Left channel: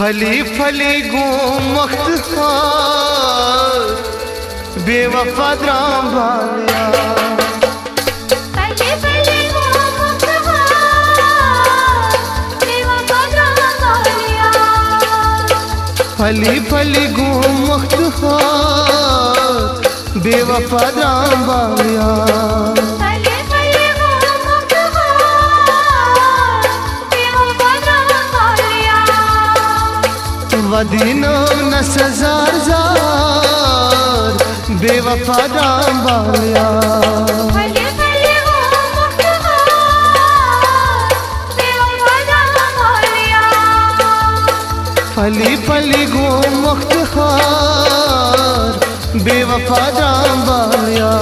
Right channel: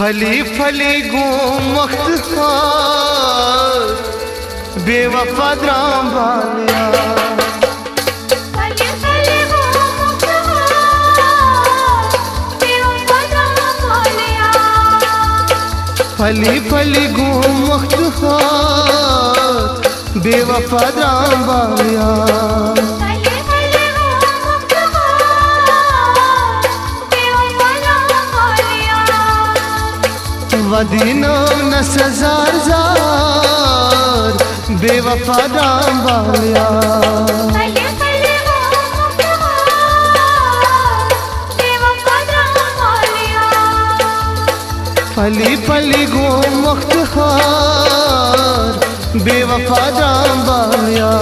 फली फली गूं मख्तखार बेवफा द्राम बालिया। फली फली गूं मख्तखार बेवफा द्राम बालिया। वदीनो न सजार जार बेवफा दाम बालिया। फली फली गो मुख्तखार बेवफा दाम बालिया।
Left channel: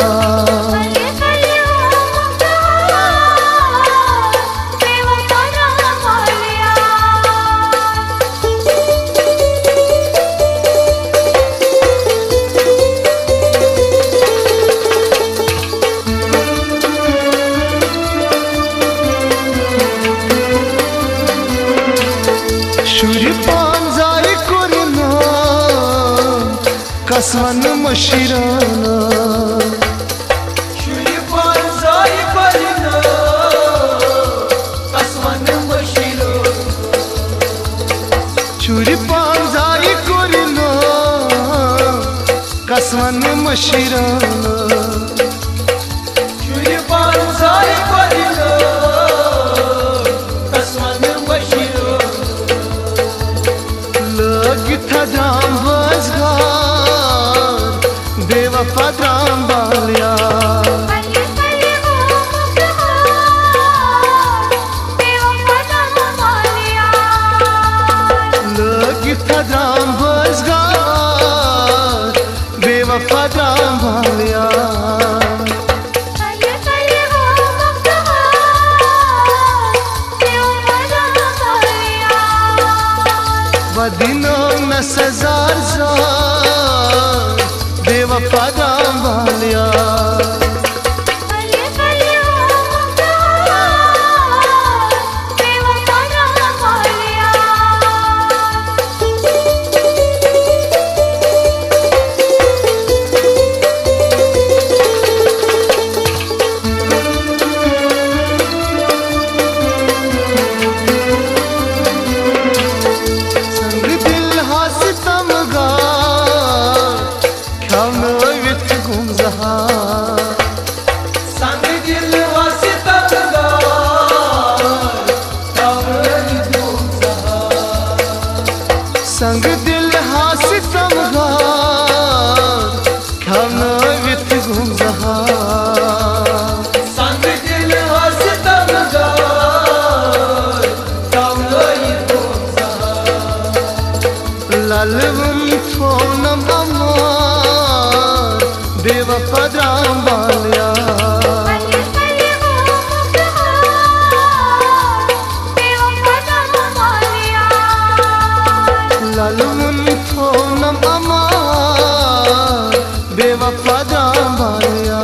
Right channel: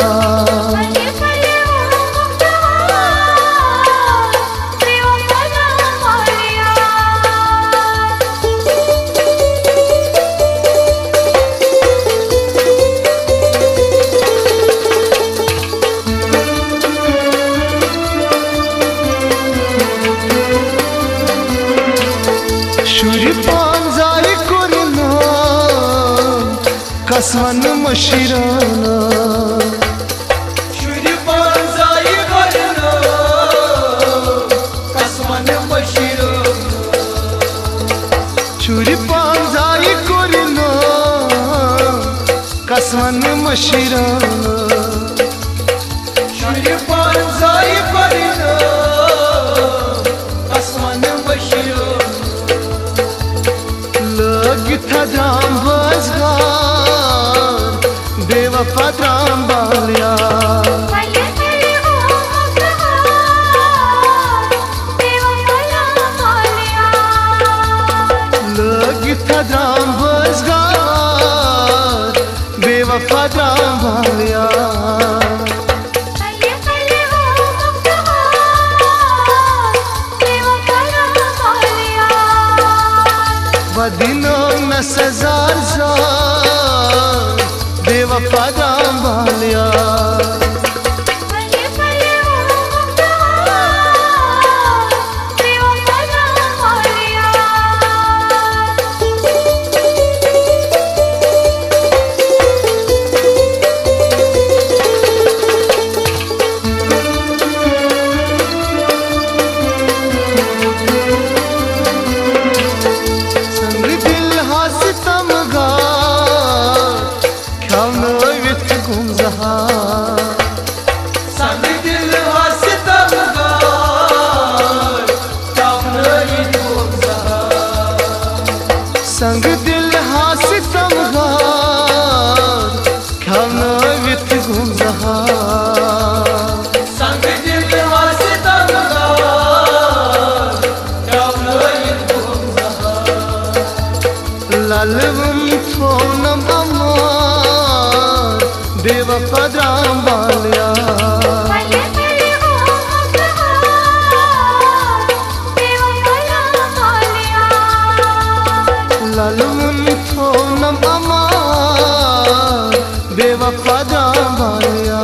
शुरी पांजारी करना कसमन मशिराना। शुरी पांजारी करना कसमन मशिराना। शुरी पांजारी करना कसमन मशिराना। था द्राम बजगार बेवफा द्राम बालिया। लगी था द्राम बजगार बेवफा द्राम बालिया। वदीनो न सजार जार बेवफा दाम बालिया। संग दिल हासितम गा ख्यानो विच गुमजहा। संग दिल हासितम गा ख्यानो विच गुमजहा। संग दिल हासितम गा ख्यानो विच गुमजहा। लालवम थोनम अमार बेवफा द्राम बालिया। लालवम थोनम अमार बेवफा द्राम बालिया।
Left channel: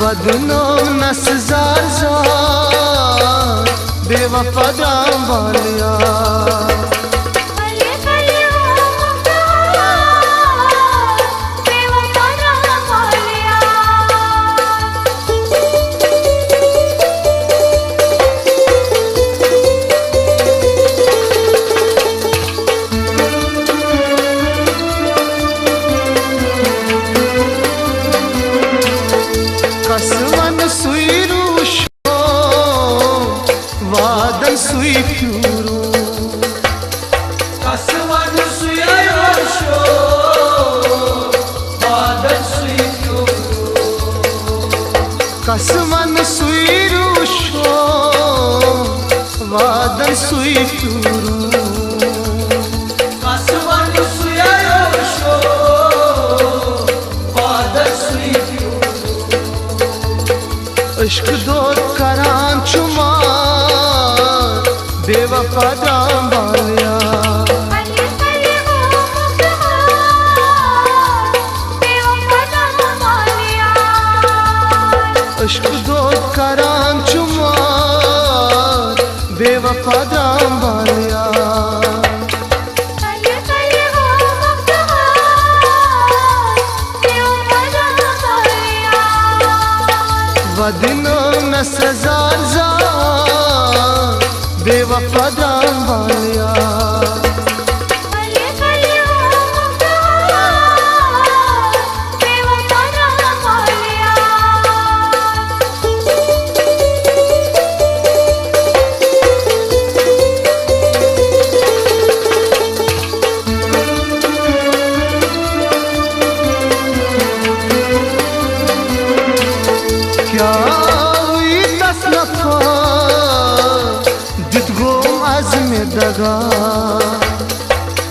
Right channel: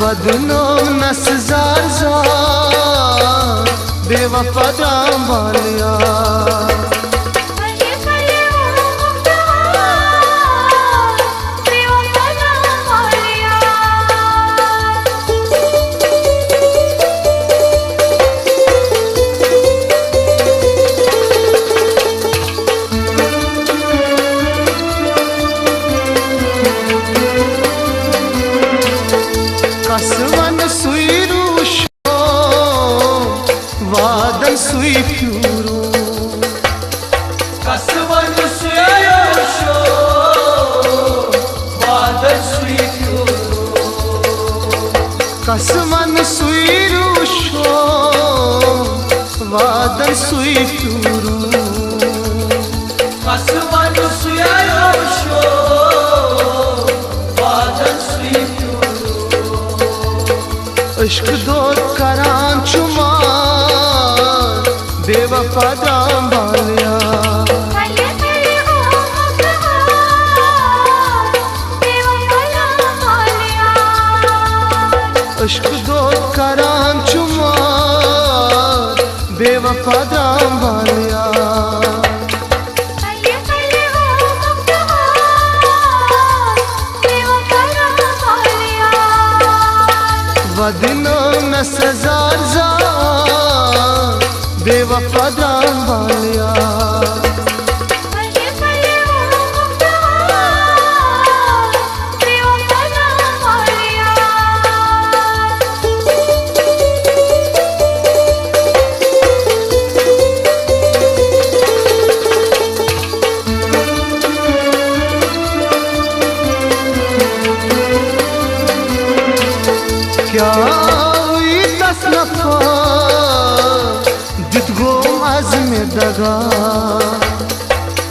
वदनो न सजार जार बेवफा दाम बालिया। कसमन सुई रूशो वादन सुई फ्यूरो। कसमन सुई रूशो वादन सुई फ्यूरो। कसमन सुई रूशो वादन सुई फ्यूरो। इश्क दो करां चुमार बेवफा दाम बालिया। इश्क दोत करान चुमार बेवफा दाम वालिया वदिनों में सजार जार बेवफा दाम वालिया क्या हुई तसनफा जितगो आज़म दगा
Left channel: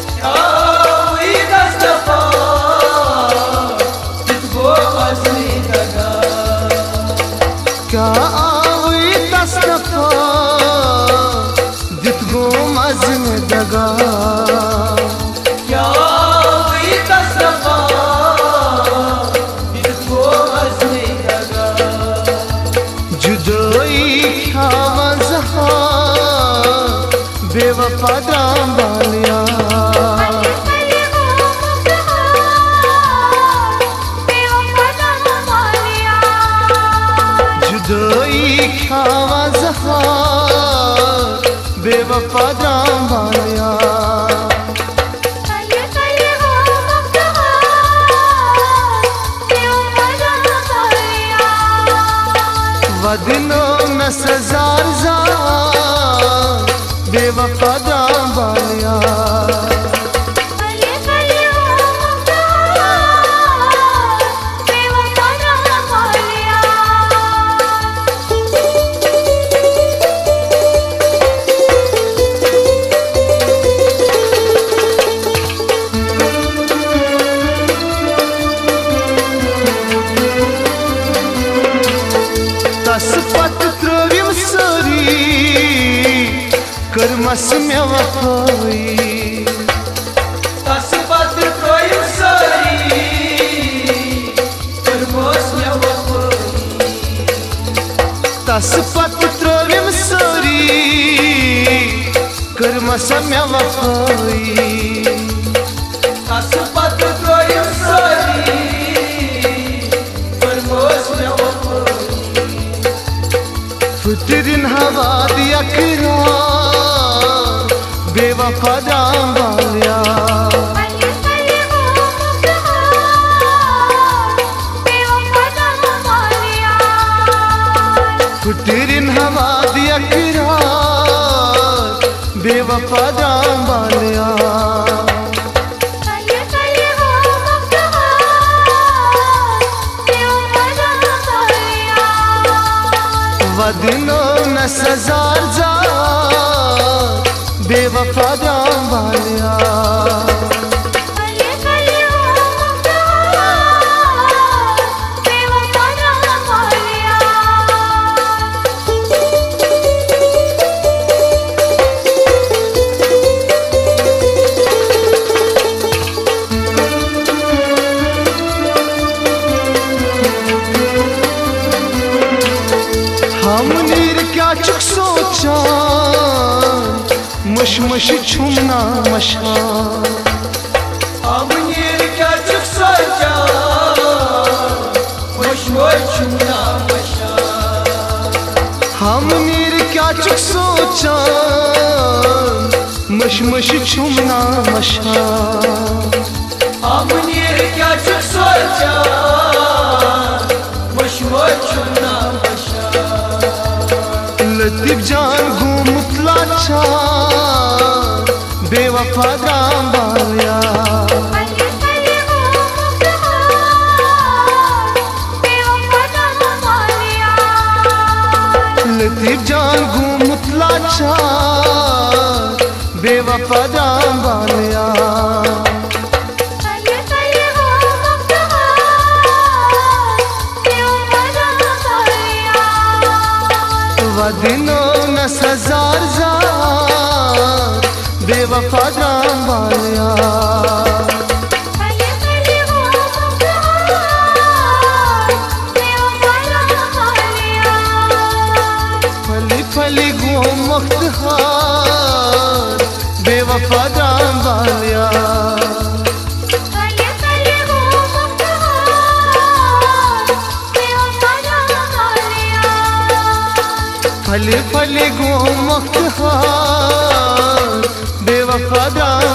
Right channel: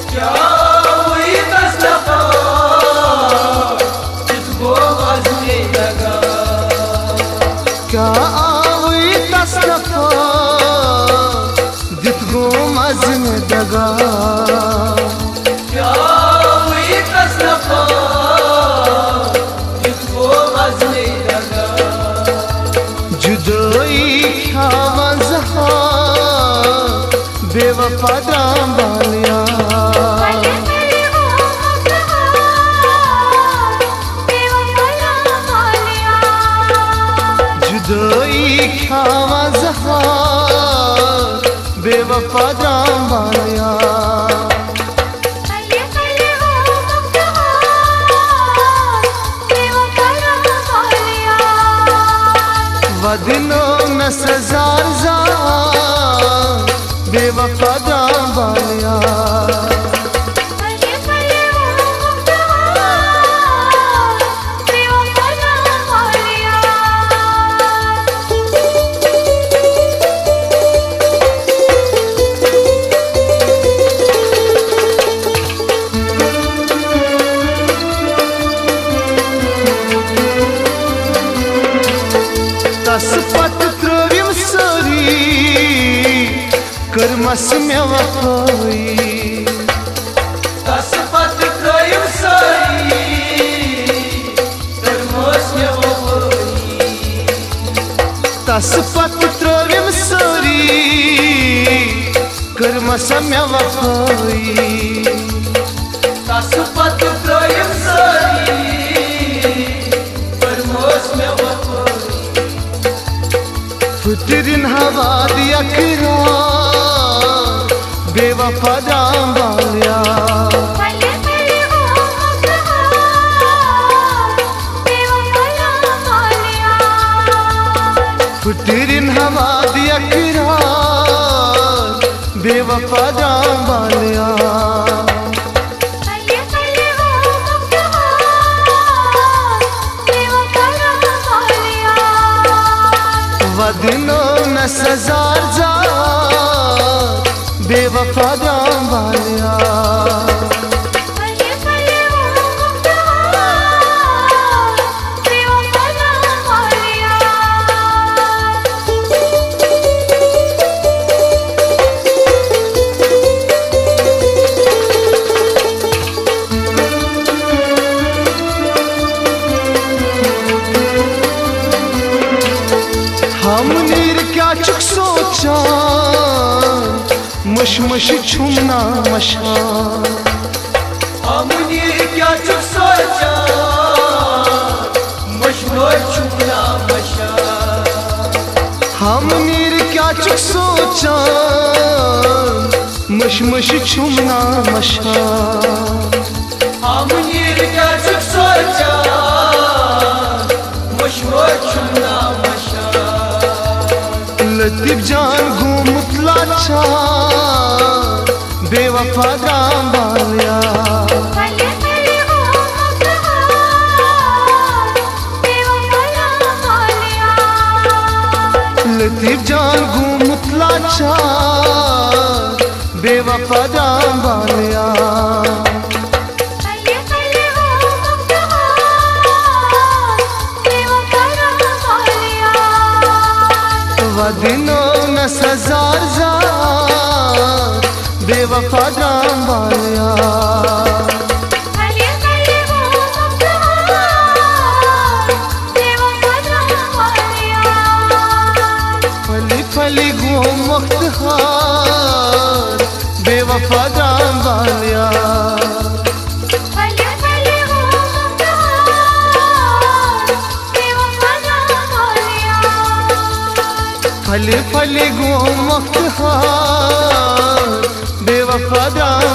क्या हुई तसनफा जितगो आज़म दगा क्या हुई तसनफा जितगो आज़म दगा जुदोई खावा ज़हार बेवफा दाम वालिया जुदोई खावा ज़हार बेवफा दाम वालिया वदिनों में सजार जार बेवफा दाम वालिया तस पत त्रोविम सोरी कर्मस में वफाई तस पत त्रोविम सोरी कर्मस में वफाई तस पत त्रोविम सोरी कर्मस में वफाई फुतरिन हवा दिया किरार बेवफा दाम वालिया फुतरिन हवा दिया किरार बेवफा दाम वालिया वदिनों में सजार जार बेवफा दाम वालिया हम नीर क्या चुक सोचा मुश मुश छुमना मशान हम नीर क्या चुक सोचा मुश मुश छुमना मशान हम नीर क्या चुक सोचा मुश मुश छुमना मशान हम नीर क्या चुक सोचा मुश मुश छुमना लतीफ जान घूमतला चार बेवफा दाम वालिया लतीफ जान घूमतला चार बेवफा दाम वालिया वदिनों में सजार जार बेवफा दाम वालिया फली गो मुख्तहार बेवफा जान वालिया फली फली गो मुख्तहार बेवफा जान